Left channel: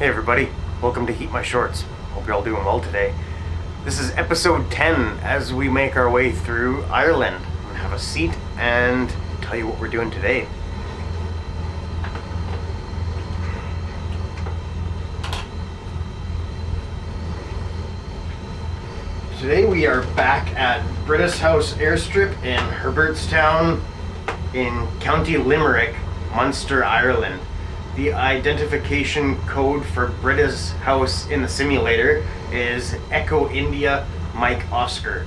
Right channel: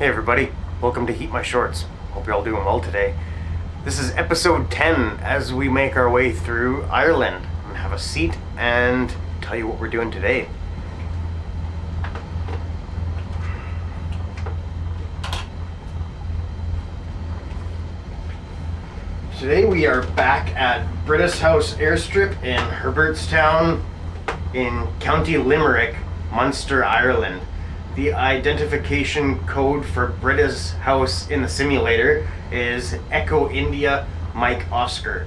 Hey everybody, welcome to Heat My Shorts. Hope you're all doing well today. This is episode 10 as we make our way through Ireland. I'm gonna have a seat and tell you what we're doing today. Today we are back at British House Airstrip in Herbertstown in County Limerick, Munster, Ireland. The identification code for British House in the simulator is Echo India Mike Oscar.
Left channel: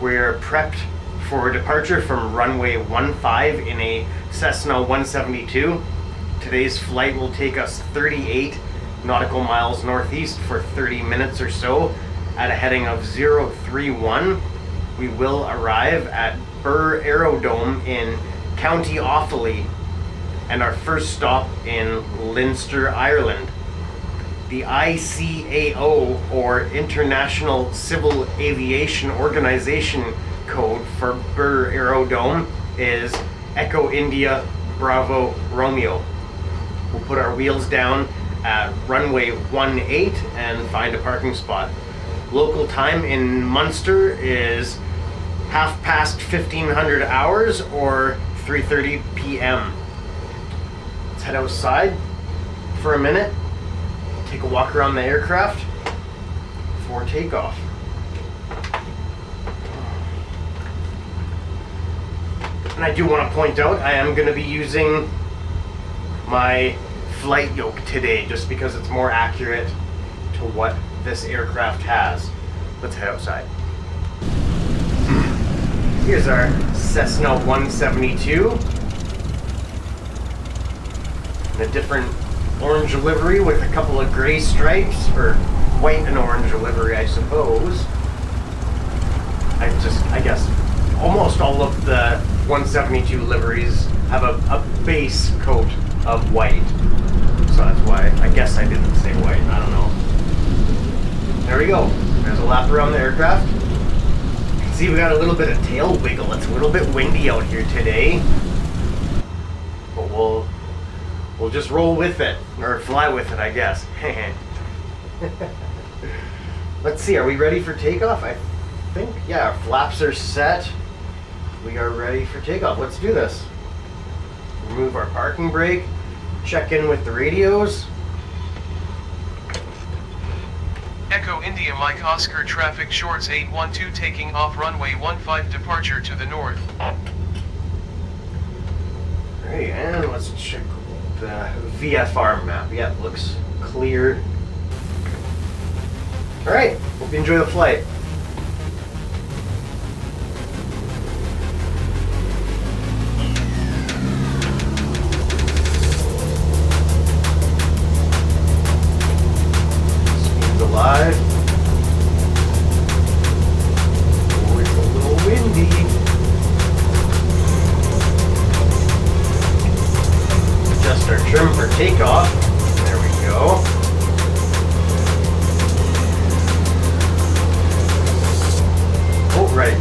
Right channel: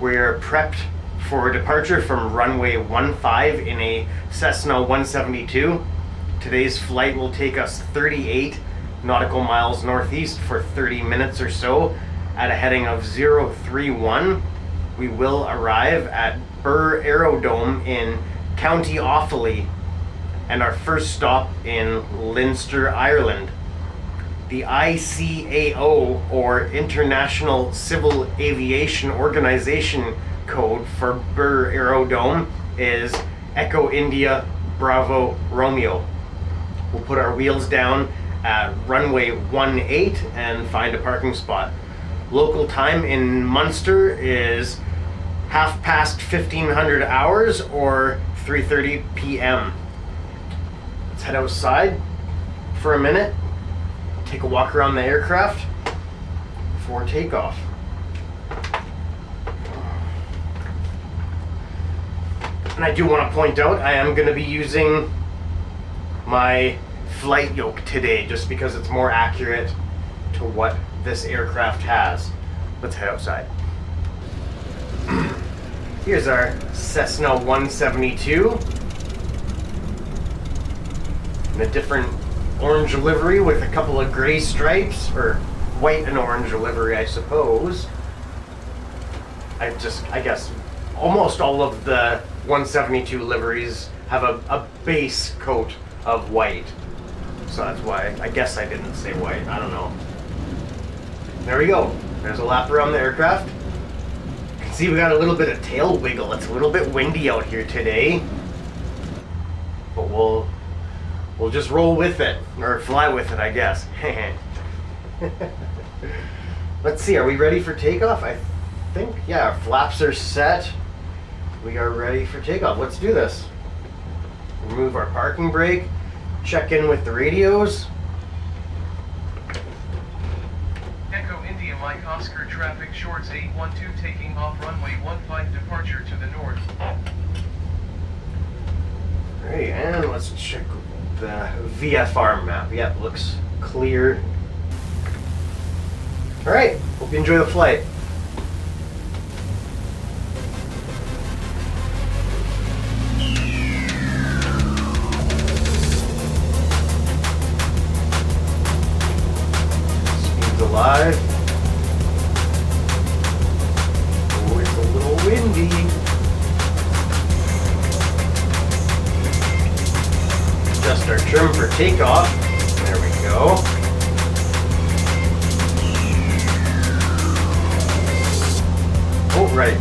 We're prepped for departure from runway 15 in a Cessna 172. Today's flight will take us 38 nautical miles northeast for 30 minutes or so at a heading of 031. We will arrive at Birr Aerodrome in County Offaly and our first stop in Leinster, Ireland. The ICAO, or International Civil Aviation Organization code for Birr Aerodrome is Echo India Bravo Romeo. We'll put our wheels down at runway 18 and find a parking spot. Local time in Munster is 1500 hours or 3:30 p.m. Let's head outside for a minute, take a walk around the aircraft before takeoff. And I do want to point out I am going to be using my flight yoke today just because it's more accurate to what this aircraft has. Let's head outside. Here's our Cessna 172 in a different orange livery with a couple of gray stripes, or white and orange livery, I suppose. I guess almost all of the 172 liveries have a base coat of white, so that's why I guess I didn't say white. I don't know. There we go. There's a lap around the aircraft. You can see we got a little bit of tail wiggle. It's a little bit windy out here today, but we'll just roll with it, or fly with it, I guess. Let's see, are we ready for takeoff? I think, yeah, our flaps are set. We are ready for takeoff. Let's do this. Remove our parking brake, check in with the radios. Echo India Mike Oscar traffic shorts 812 taking off runway 15 departure to the north. Alright, and let's check the VFR map. Yeah, it looks clear. Alright, hope you enjoy the flight. Speed's alive. Oh, it's a little windy. Adjust our trim for takeoff. There we go. Oh, right.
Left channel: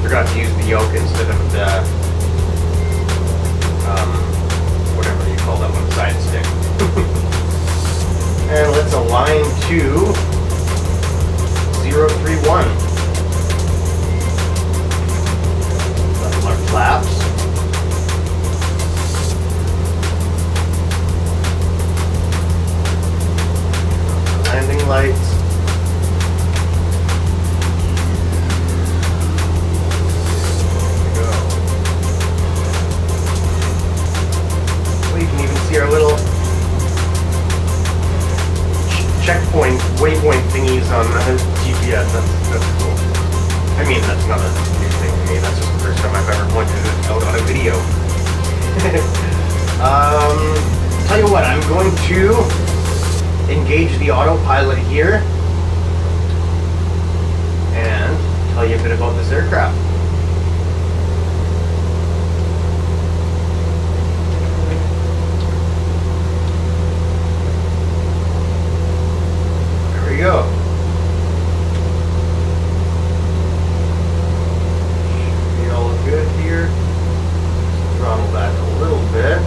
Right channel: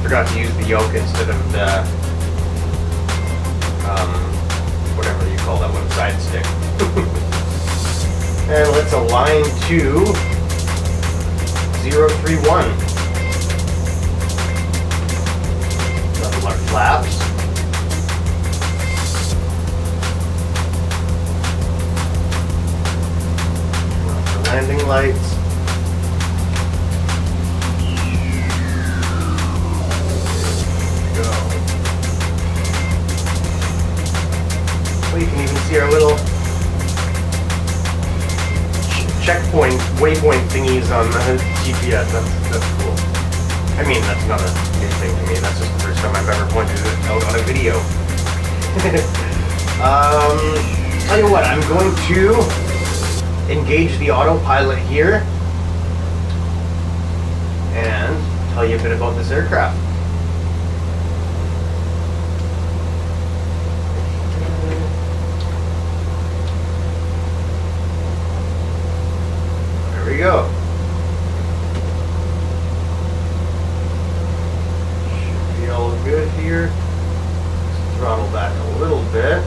Forgot to use the yoke instead of the, whatever you call that one, side stick. And let's align to 031. Level our flaps. Landing lights. There we go. Well, you can even see our little checkpoint, waypoint thingies on the GPS. That's cool. I mean, that's not a new thing to me. That's just the first time I've ever pointed it out on a video. Tell you what, I'm going to engage the autopilot here and tell you a bit about this aircraft. There we go. Should be all good here. Just throttle back a little bit.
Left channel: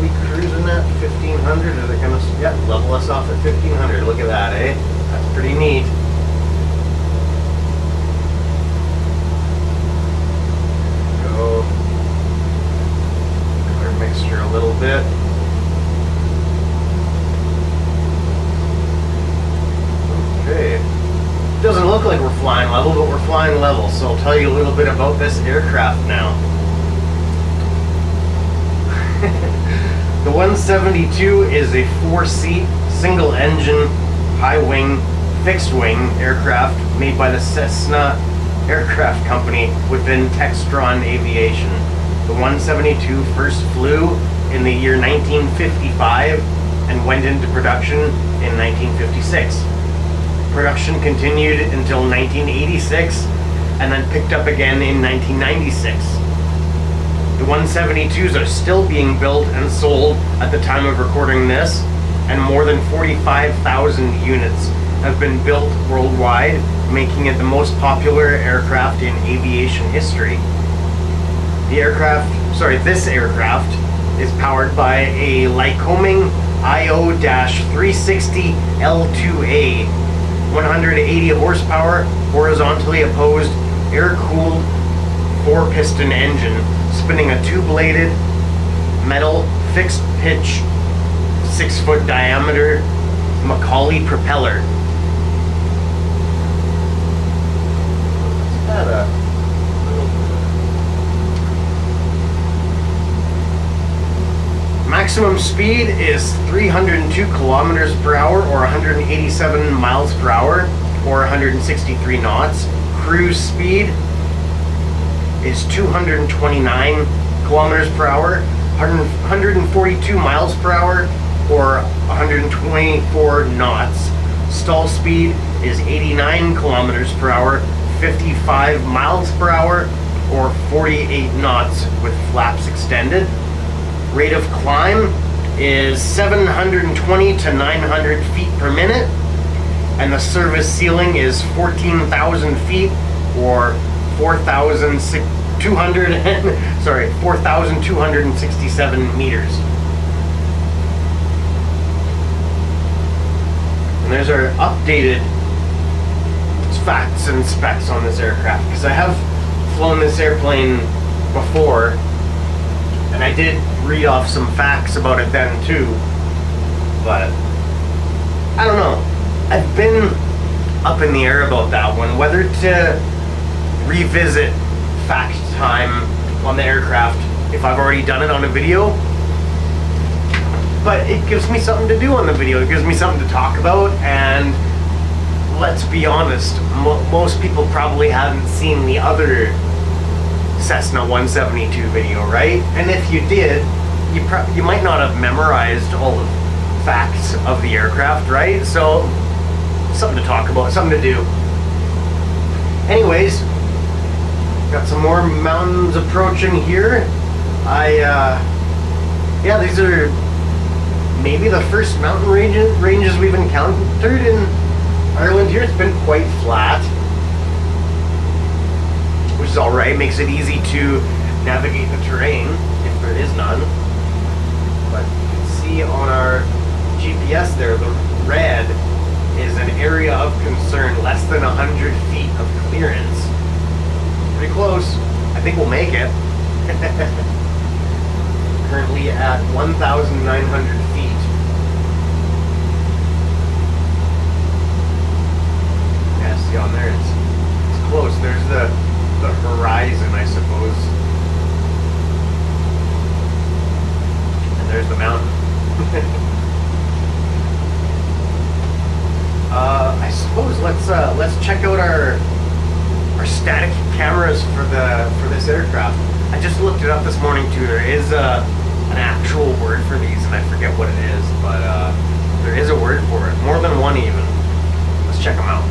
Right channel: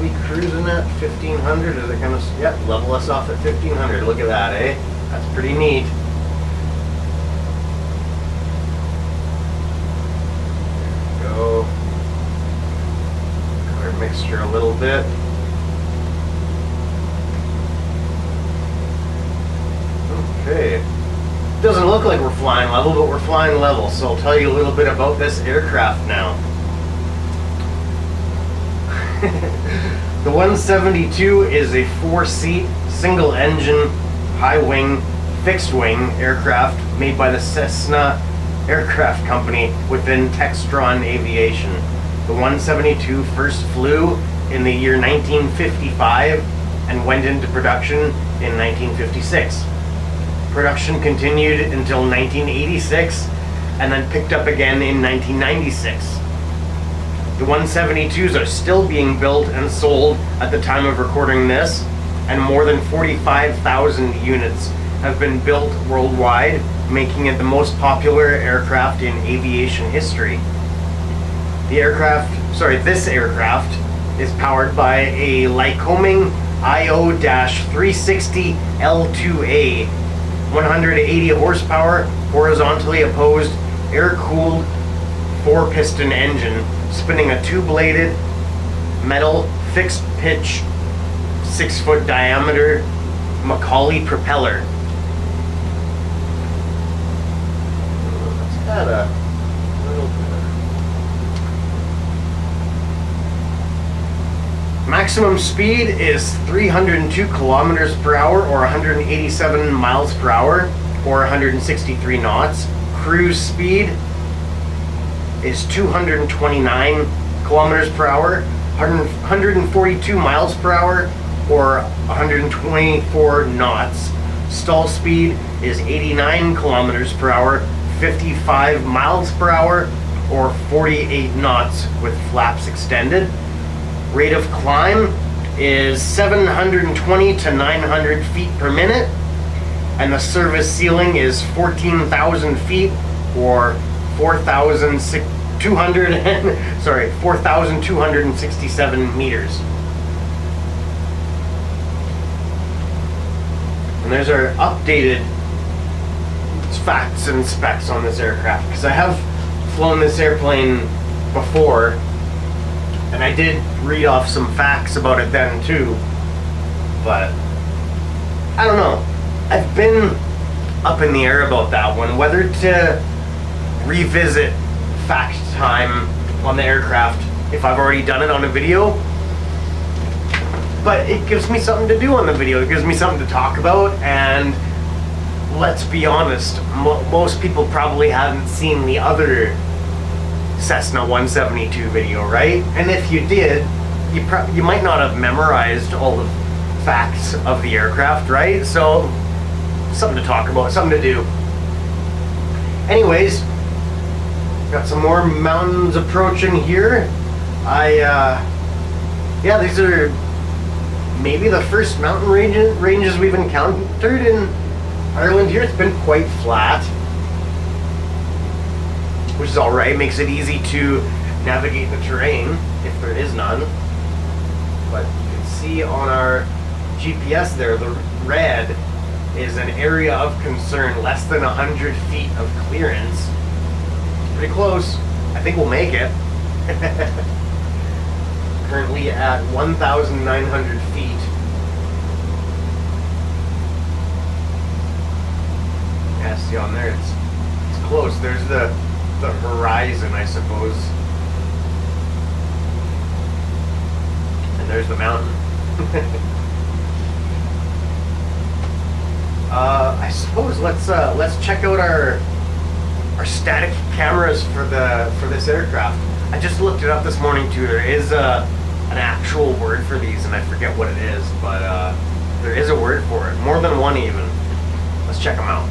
are we cruising at? 1500? Is it gonna, yeah, level us off at 1500. Look at that, eh? That's pretty neat. There we go. Color mixture a little bit. Okay. Doesn't look like we're flying level, but we're flying level, so I'll tell you a little bit about this aircraft now. The 172 is a 4-seat, single-engine, high-wing, fixed-wing aircraft made by the Cessna aircraft company within Textron Aviation. The 172 first flew in the year 1955 and went into production in 1956. Production continued until 1986 and then picked up again in 1996. The 172s are still being built and sold at the time of recording this, and more than 45,000 units have been built worldwide, making it the most popular aircraft in aviation history. This aircraft is powered by a Lycoming IO-360 L2A, 180 horsepower, horizontally opposed, air-cooled 4-piston engine, spinning a 2-bladed metal fixed pitch 6-foot diameter Macaulay propeller. Let's add a little bit. Maximum speed is 302 kilometers per hour or 187 miles per hour or 163 knots. Cruise speed is 229 kilometers per hour, 142 miles per hour, or 124 knots. Stall speed is 89 kilometers per hour, 55 miles per hour, or 48 knots with flaps extended. Rate of climb is 720 to 900 feet per minute, and the service ceiling is 14,000 feet, or 4,267 meters. And there's our updated facts and specs on this aircraft, because I have flown this airplane before, and I did read off some facts about it then too, but I don't know. I've been up in the air about that one, whether to revisit fact time on the aircraft if I've already done it on a video, but it gives me something to do on the video. It gives me something to talk about, and let's be honest, most people probably haven't seen the other Cessna 172 video, right? And if you did, you might not have memorized all the facts of the aircraft, right? So something to talk about, something to do. Anyways, got some more mountains approaching here. Yeah, these are maybe the first mountain ranges we've encountered in Ireland here. It's been quite flat, which is alright, makes it easy to navigate the terrain if there is none. But you can see on our GPS there, the red is an area of concern, less than 100 feet of clearance. It's pretty close. I think we'll make it. Currently at 1,900 feet. Yeah, see on there, it's close. There's the horizon, I suppose. And there's the mountain. I suppose let's check out our static cameras for this aircraft. I just looked it up this morning too. There is an actual word for these, and I forget what it is, but there is a word for it. More than one even. Let's check them out.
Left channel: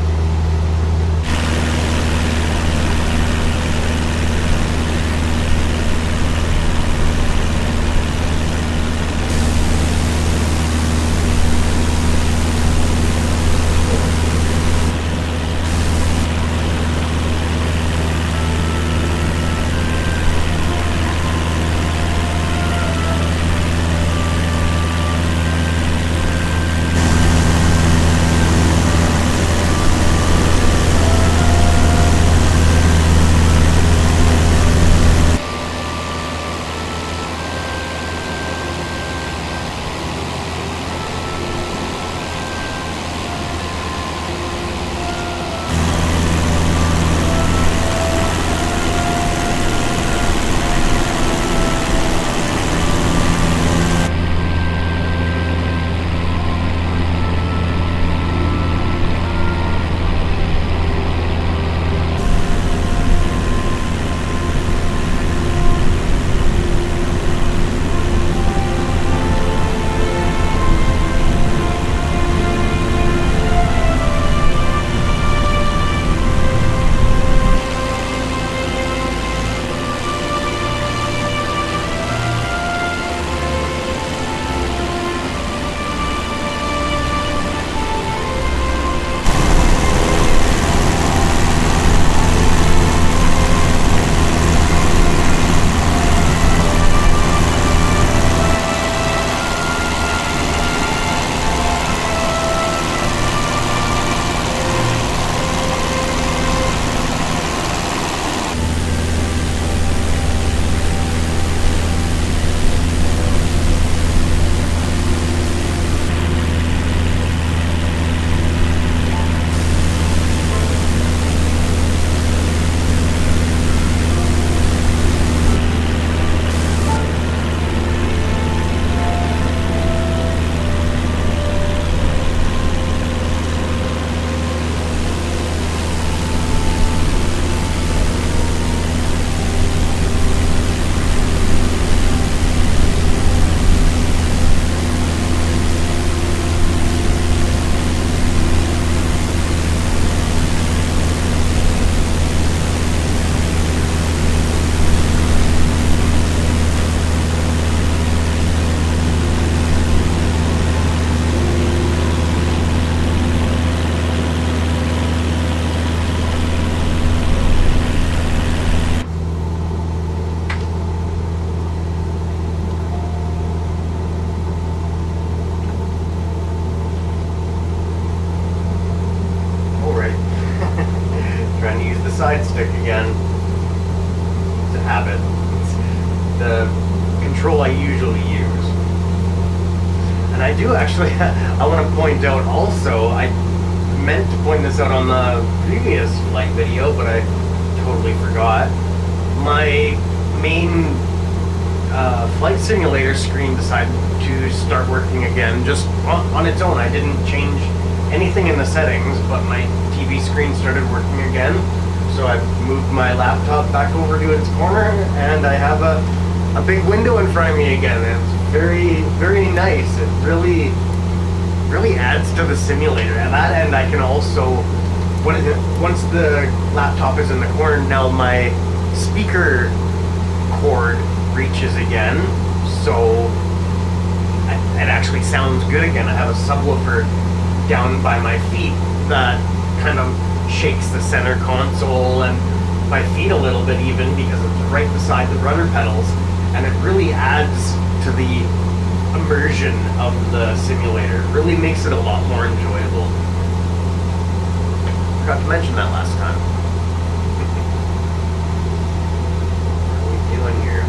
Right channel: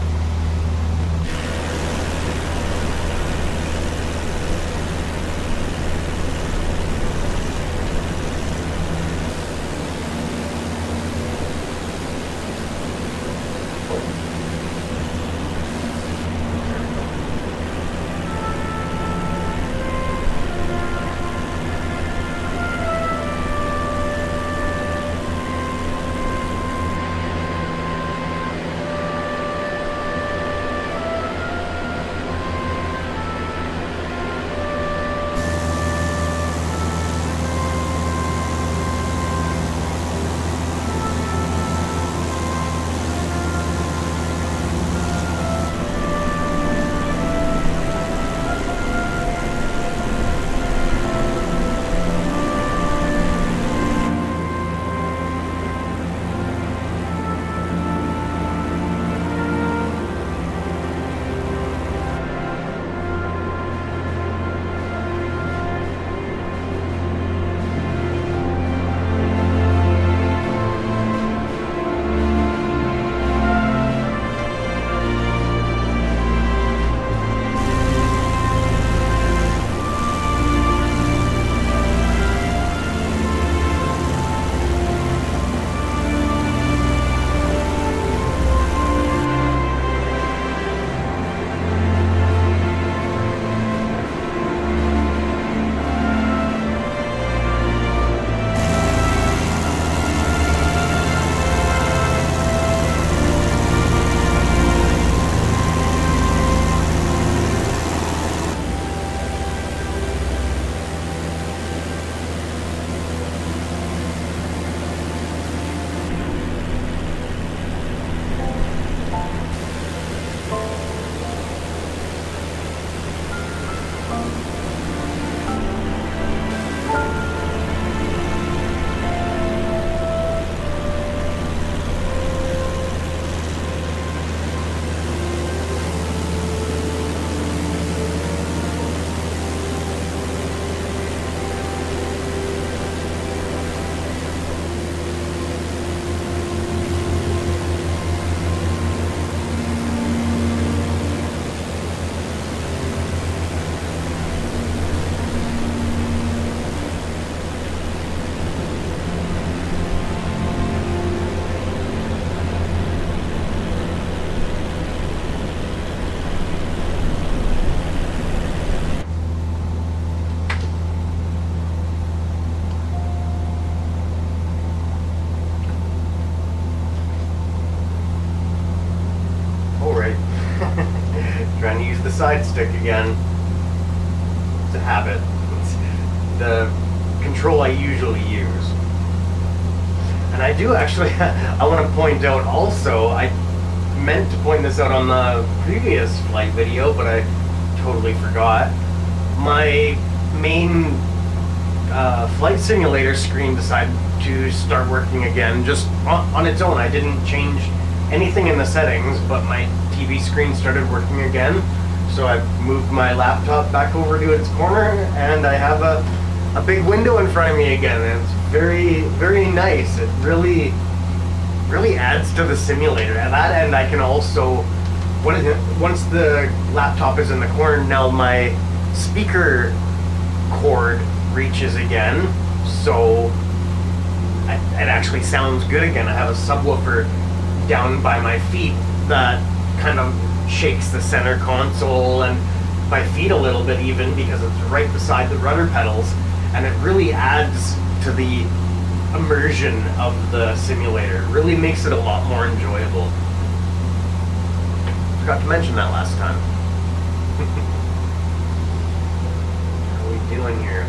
the side stick again. It's a habit. It's the control I usually use. And I do actually, I want to point out also, I meant to point this out on the previous flight video, but I totally forgot. My main flight simulator screen decided to start working again just on its own. I didn't change anything in the settings, but my TV screen started working again. So I moved my laptop back over to its corner, and I have a big window in front of me again. And it's very, very nice. It really adds to the simulator. At that end, I can also, once the laptop is in the corner, now my speaker cord reaches again, so it actually sounds good again. I have a subwoofer down by my feet that kind of shakes the center console and my feet a little bit even, because it's right beside the rudder pedals, and it really adds to the immersion of the simulator. It really makes it a lot more enjoyable. Forgot to mention that last time. How are we doing here?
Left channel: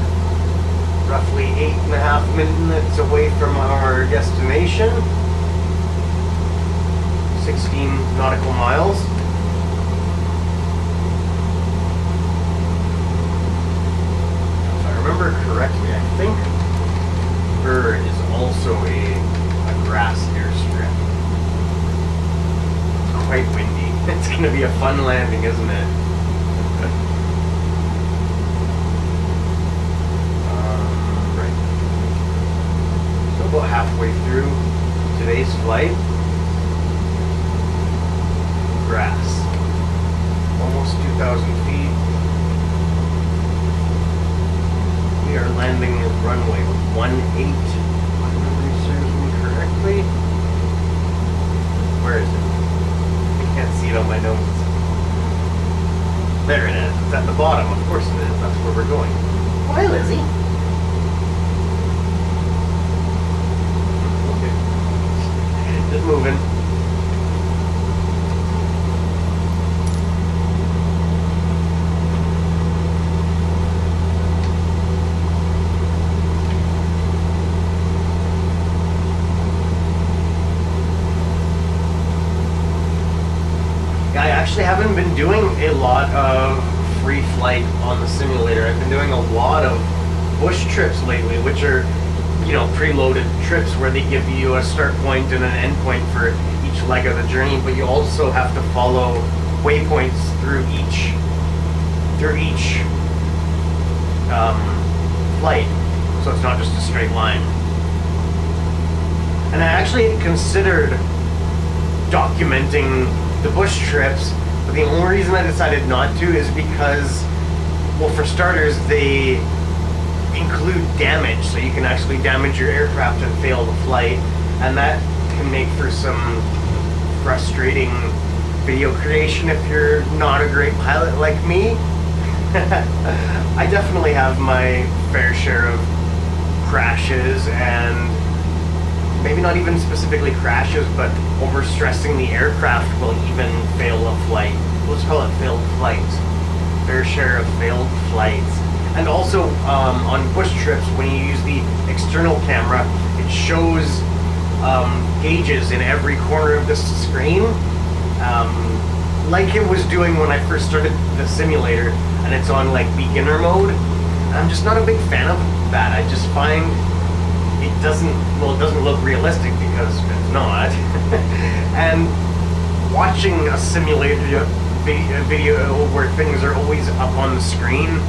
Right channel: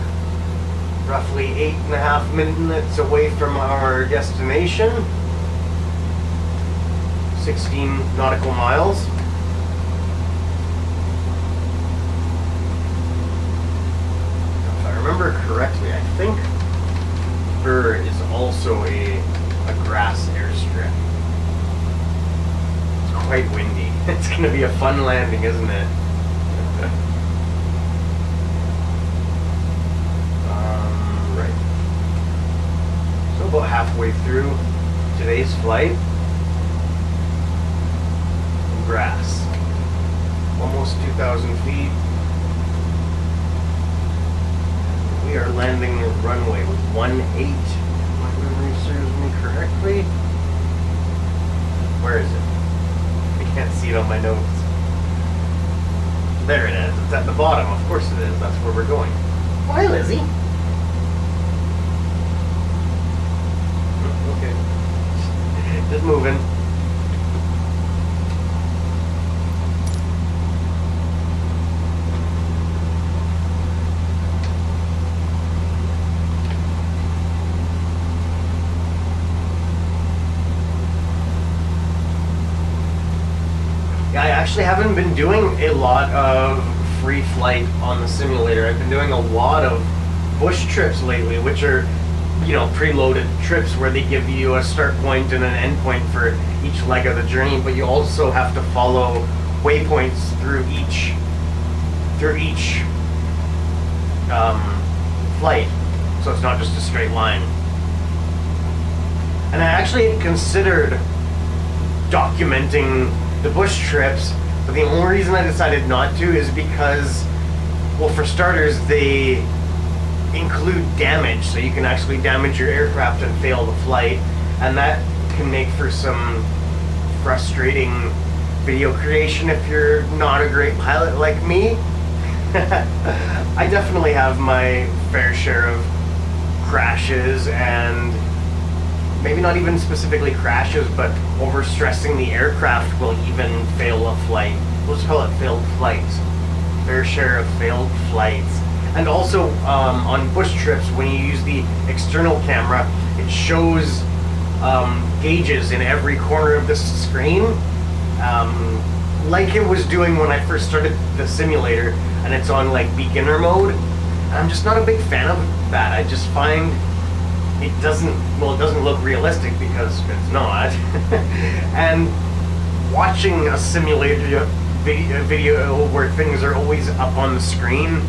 Roughly 8.5 minutes away from our destination. 16 nautical miles. If I remember correctly, I think Birr is also a grass airstrip. It's quite windy. It's going to be a fun landing, isn't it? Right. So about halfway through today's flight. Grass. Almost 2,000 feet. We are landing runway 18. If my memory serves me correctly. Where is it? I can't see it on my notes. There it is. It's at the bottom. Of course it is. That's where we're going. Why, Lizzie? Okay. Just moving. I actually haven't been doing a lot of free flight on the simulator. I've been doing a lot of bush trips lately, which are, you know, preloaded trips where they give you a start point and an end point for each leg of the journey, but you also have to follow waypoints through each flight, so it's not just a straight line. And I actually considered documenting the bush trips, but the only reason I decided not to is because, well, for starters, they include damage, so you can actually damage your aircraft and fail the flight, and that can make for some frustrating video creation if you're not a great pilot like me. I definitely have my fair share of crashes, and maybe not even specifically crashes, but overstressing the aircraft will even fail a flight. Let's call it failed flights. Fair share of failed flights. And also on bush trips, when you use the external camera, it shows gauges in every corner of the screen, like it was doing when I first started the simulator, and it's on like beginner mode. And I'm just not a big fan of that. I just find it doesn't look realistic because it's not. And watching a simulator video where things are always up on the screen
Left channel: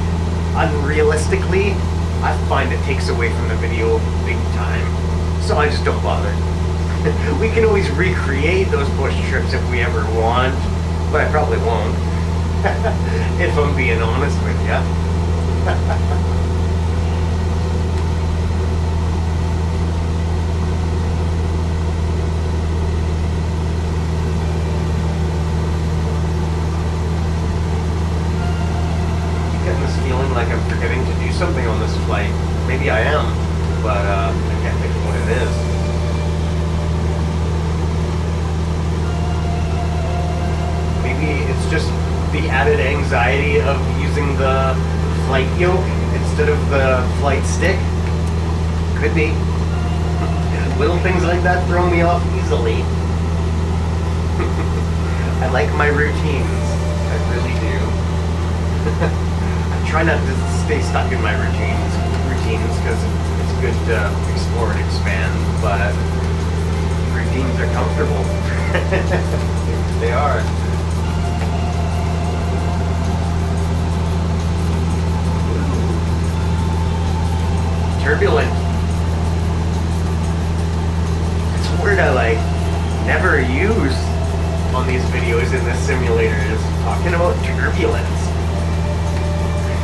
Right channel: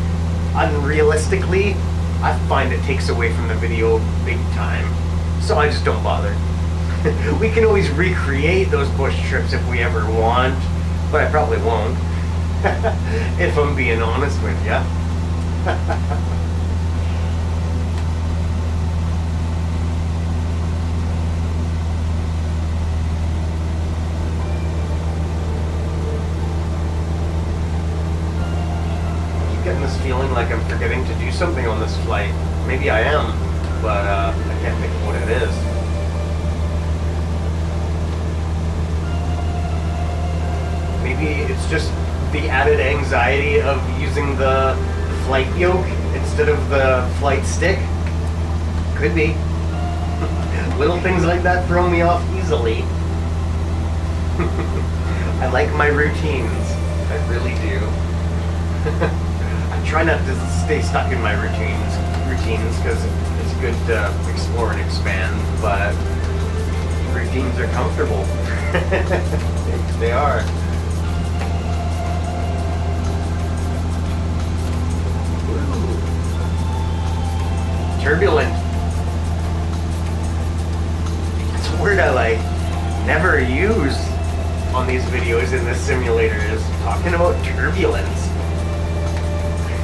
unrealistically, I find it takes away from the video big time. So I just don't bother. We can always recreate those bush trips if we ever want, but I probably won't. If I'm being honest with you. Getting this feeling like I'm forgetting to do something on this flight. Maybe I am, but I can't think of what it is. Maybe it's just the added anxiety of using the flight yoke instead of the flight stick? Could be. Little things like that throw me off easily. I like my routines. I really do. I try not to stay stuck in my routines because it's good to explore and expand, but routines are comfortable. They are. Ooh. Turbulent. It's a word I never use on these videos in this simulator, is talking about turbulence.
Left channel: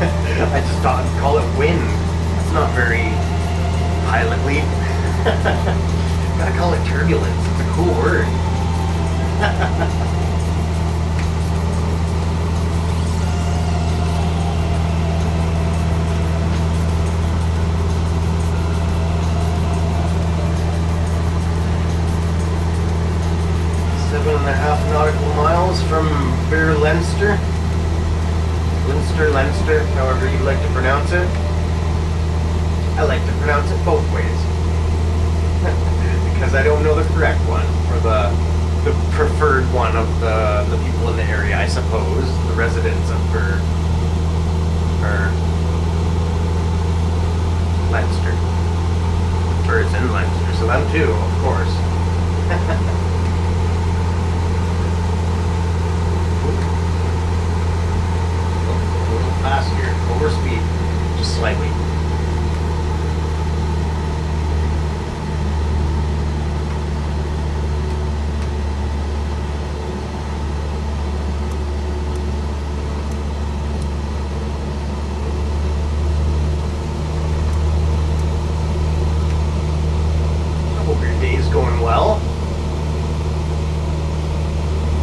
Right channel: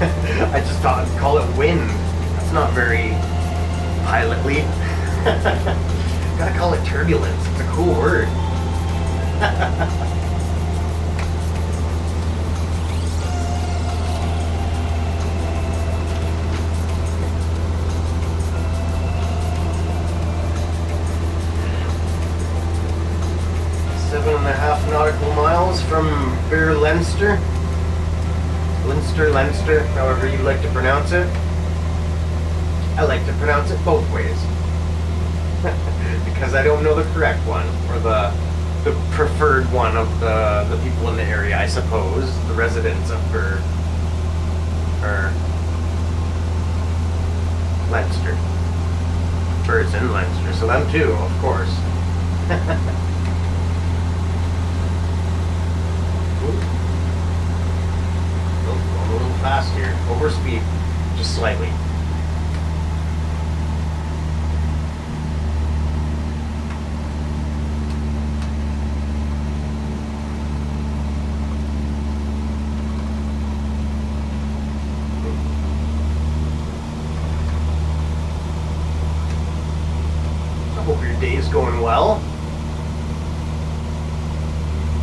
I just thought I'd call it wind. That's not very pilotly. Gotta call it turbulence. It's a cool word. 7.5 nautical miles from Birr, Leinster. Leinster, however you like to pronounce it. I like to pronounce it both ways. Because I don't know the correct one, or the preferred one of the people in the area, I suppose. The residents of Birr. Or Leinster. Birr's in Leinster, so them too, of course. Go a little fast here. Over speed, just slightly. Hope your day's going well.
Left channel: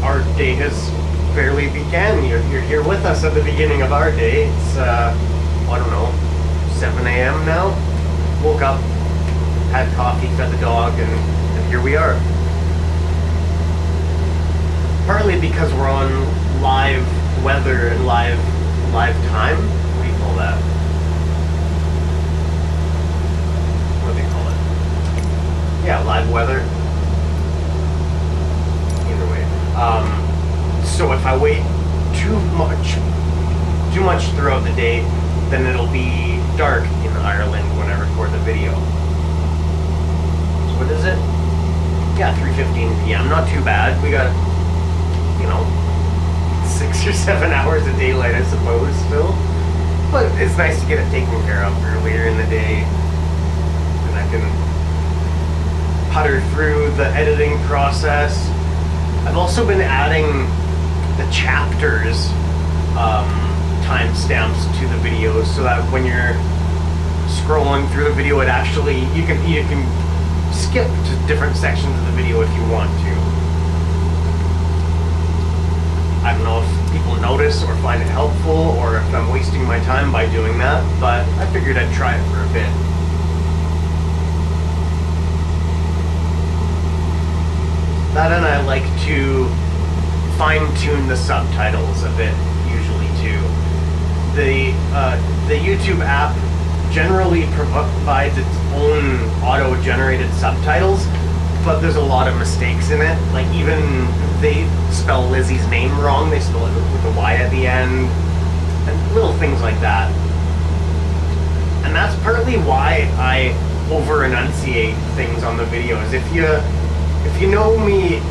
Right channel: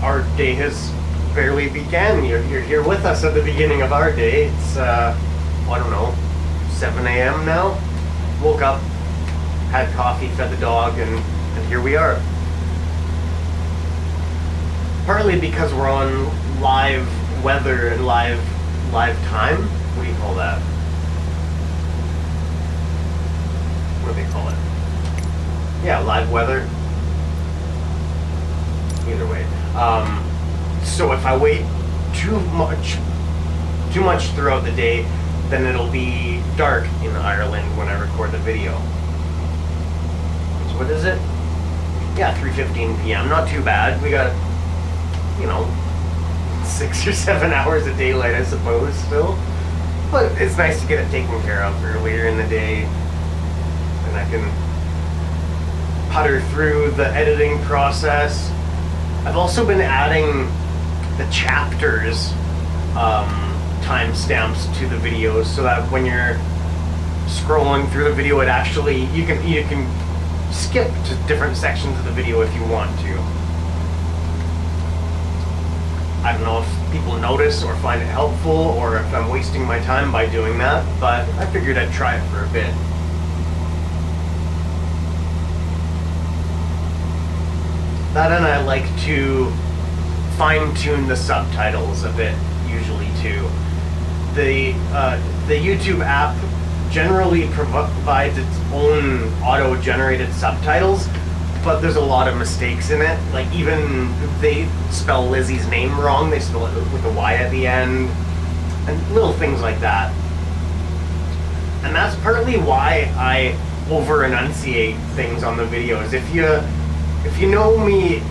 Our day has barely began. You're here with us at the beginning of our day. It's, I don't know, 7 a.m. now. Woke up, had coffee, fed the dog, and here we are. Partly because we're on live weather and live time. What do you call that? What do they call it? Yeah, live weather. Either way. So if I wait too much throughout the day, then it'll be dark in Ireland when I record the video. So what is it? Yeah, 3:15 p.m. Not too bad. We got, 6 or 7 hours of daylight, I suppose, still. But it's nice to get it taken care of earlier in the day. And I can putter through the editing process. I've also been adding the chapters timestamps to the videos so that when you're scrolling through the video, it actually you can skip to different sections of the video if you want to. I don't know if people notice or find it helpful, or if I'm wasting my time by doing that, but I figured I'd try it for a bit. That, and I like to fine-tune the subtitles a bit, usually too. The YouTube app generally provides its own auto-generated subtitles, but there's a lot of mistakes in it. Like, even they spell Lizzie's name wrong. They spell it with a Y at the end, and little things like that. And that's partly why I over-enunciate things on the videos. If you know me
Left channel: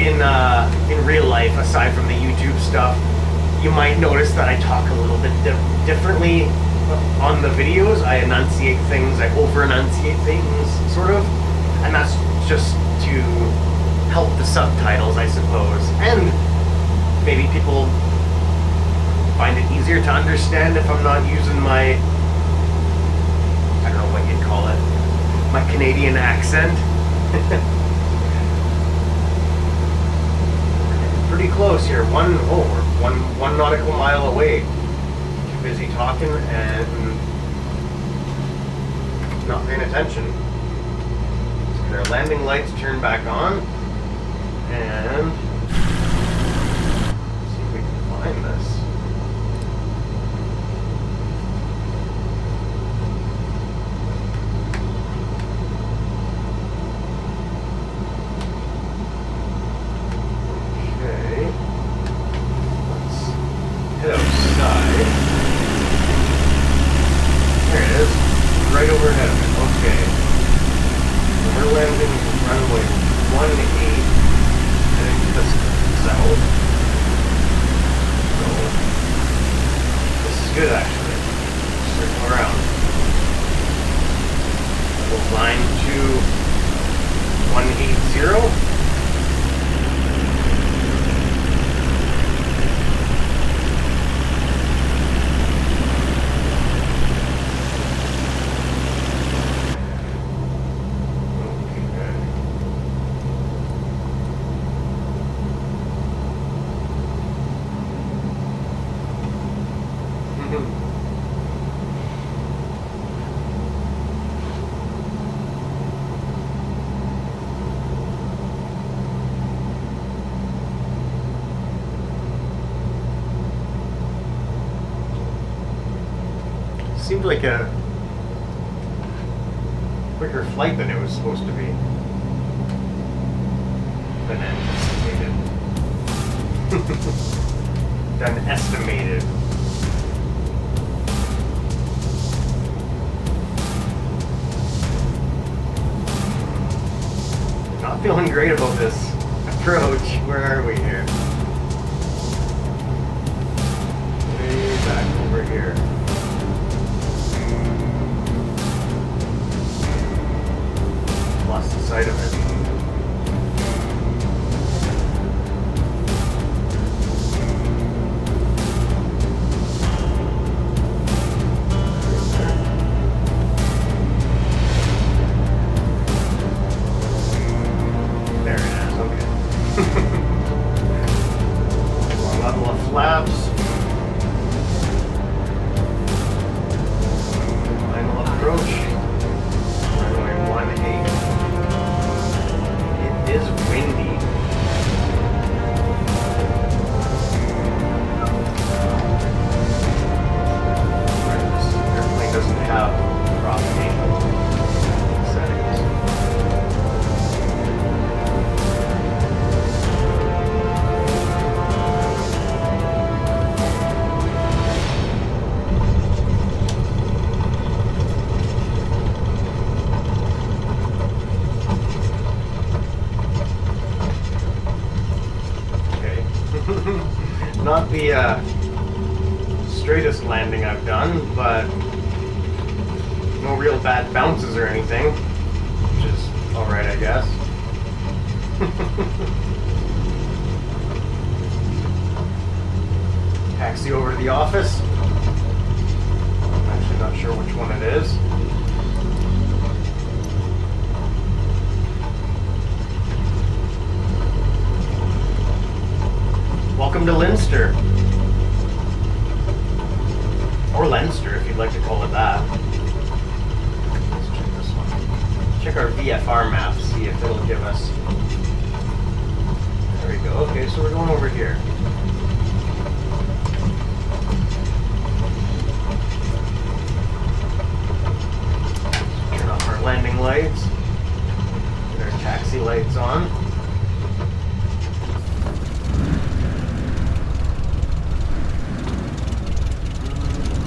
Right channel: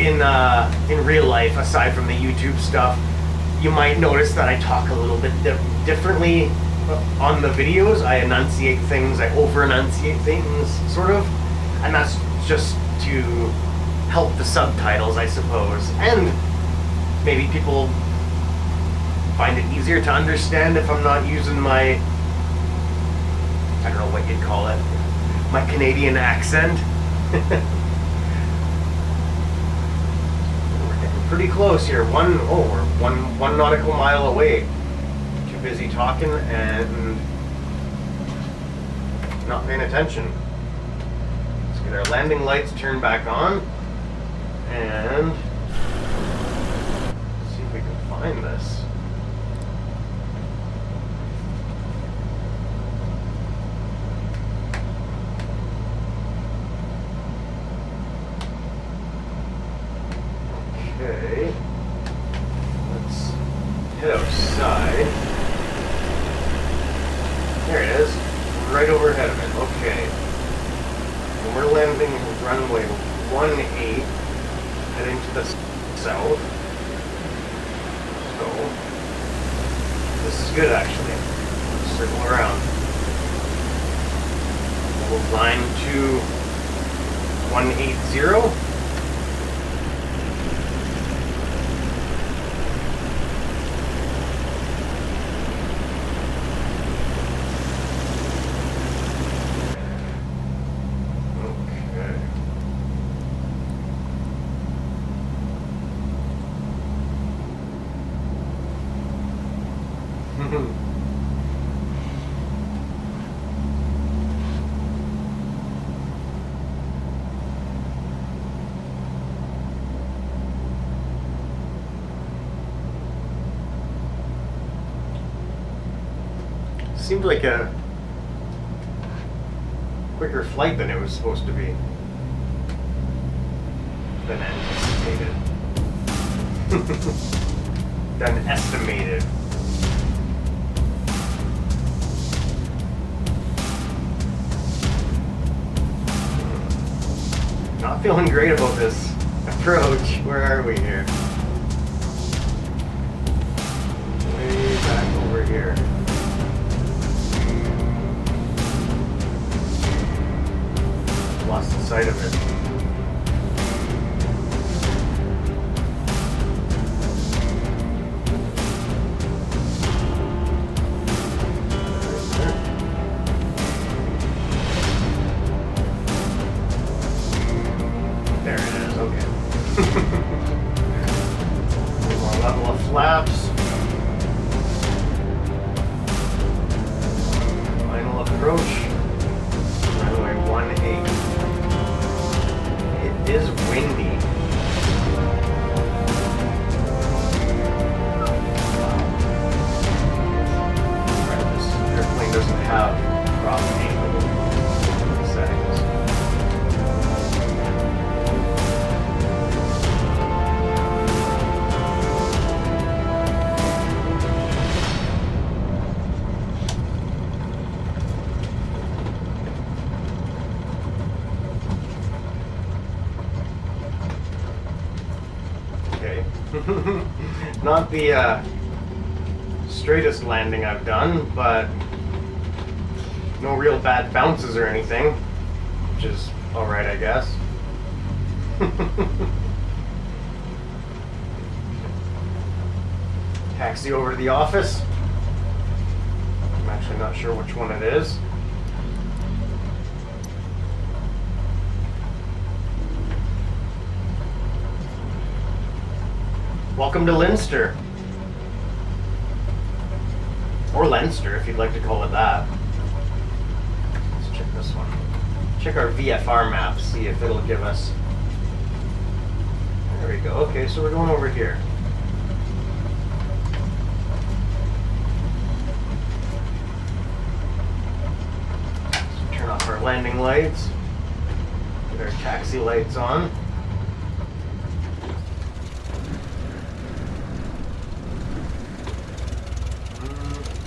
in real life, aside from the YouTube stuff, you might notice that I talk a little bit differently on the videos. I enunciate things, I over-enunciate things, sort of. And that's just to help the subtitles, I suppose. And maybe people find it easier to understand if I'm not using my, I don't know what you'd call it, my Canadian accent. We're getting pretty close here. We're one nautical mile away. Too busy talking and not paying attention. Let's get our landing lights turned back on and see if we can head outside. There it is. Right overhead of it. Okay. And we're landing runway 18, heading to the south. So, this is good actually. We'll circle around. We'll line to 180. Seemed like a quicker flight than it was supposed to be. Than anticipated. Than estimated. Not feeling great about this approach. Where are we here? Way back over here. Lost sight of it. There it is, okay. One level of flaps. Final approach. Runway 18. It is windy. This airplane doesn't have prop angle settings. Not the straightest landing I've done, but no real bad bounces or anything, which is alright, I guess. Taxi over to the office. I'm actually not sure which one it is. Welcome to Leinster. Or Leinster, if you'd like to call it that. Let's check this one. Check our VFR map, see if it'll give us... There we go. Okay, so we're going over here. Let's turn off our landing lights. Get our taxi lights on.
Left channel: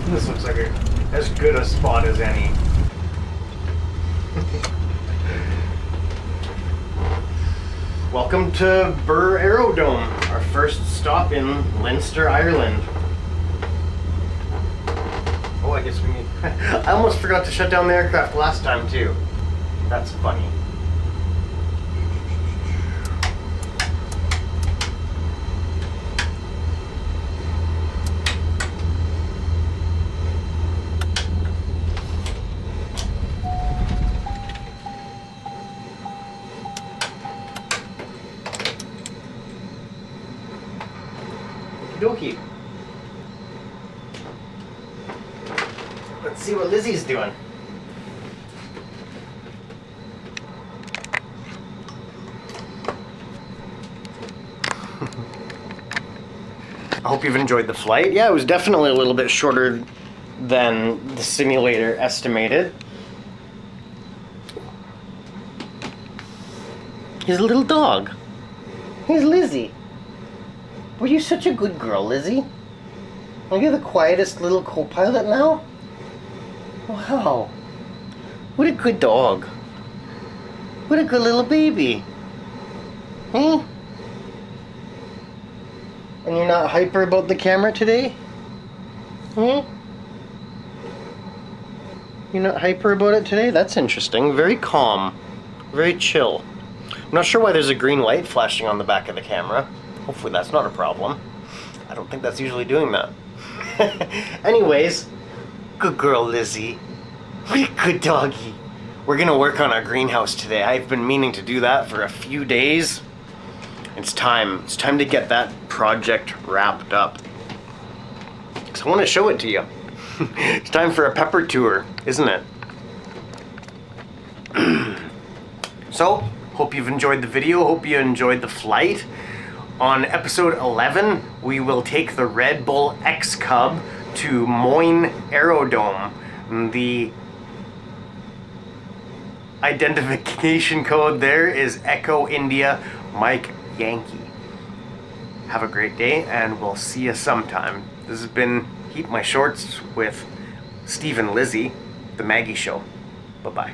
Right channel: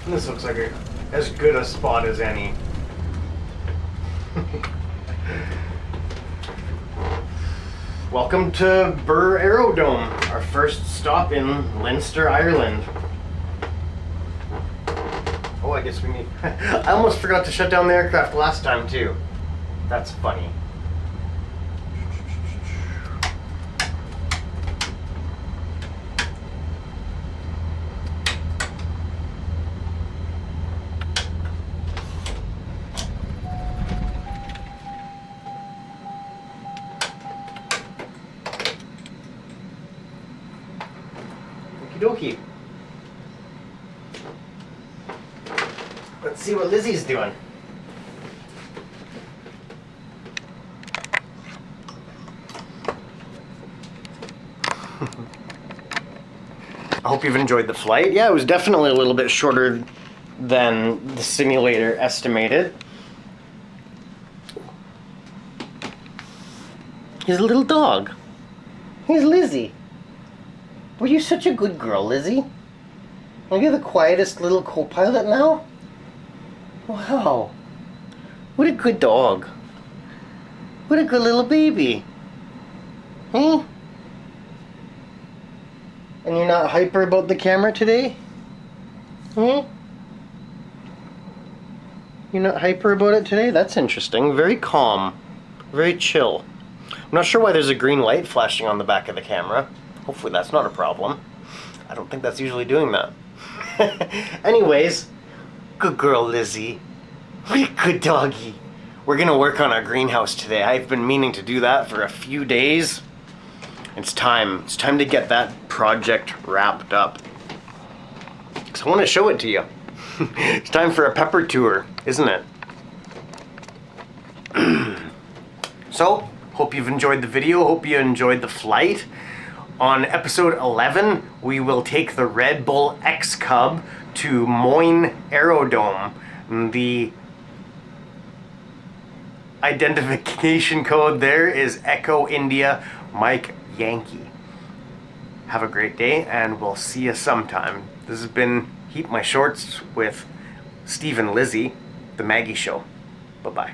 This looks like as good a spot as any. Welcome to Birr Aerodome, our first stop in Leinster, Ireland. Oh, I guess we need... I almost forgot to shut down the aircraft last time too. That's funny. Okie dokie. Let's see what Lizzie's doing. I hope you've enjoyed the flight. Yeah, it was definitely a little bit shorter than the simulator estimated. He's a little dog. He's Lizzie. Were you such a good girl, Lizzie? Are you the quietest little co-pilot now? Wow. What a good dog. What a good little baby. Hmm? And you're not hyper about the camera today? Hmm? You're not hyper about it today? That's interesting. Very calm. Very chill. I'm not sure why there's a green light flashing on the back of the camera. Hopefully that's not a problem. I don't think that's usually doing that. Anyways, good girl, Lizzie. What a good doggy. We're gonna work on our greenhouse today. I've been meaning to do that for a few days. It's time. It's time to get that project wrapped up. Because I want to show it to you. It's time for a pepper tour, isn't it? So, hope you've enjoyed the video. Hope you enjoyed the flight. On episode 11, we will take the Red Bull X Cub to Moyne Aerodrome. The identification code there is Echo India Mike Yankee. Have a great day, and we'll see you sometime. This has been Heat My Shorts with Steve and Lizzie, The Maggie Show. Bye-bye.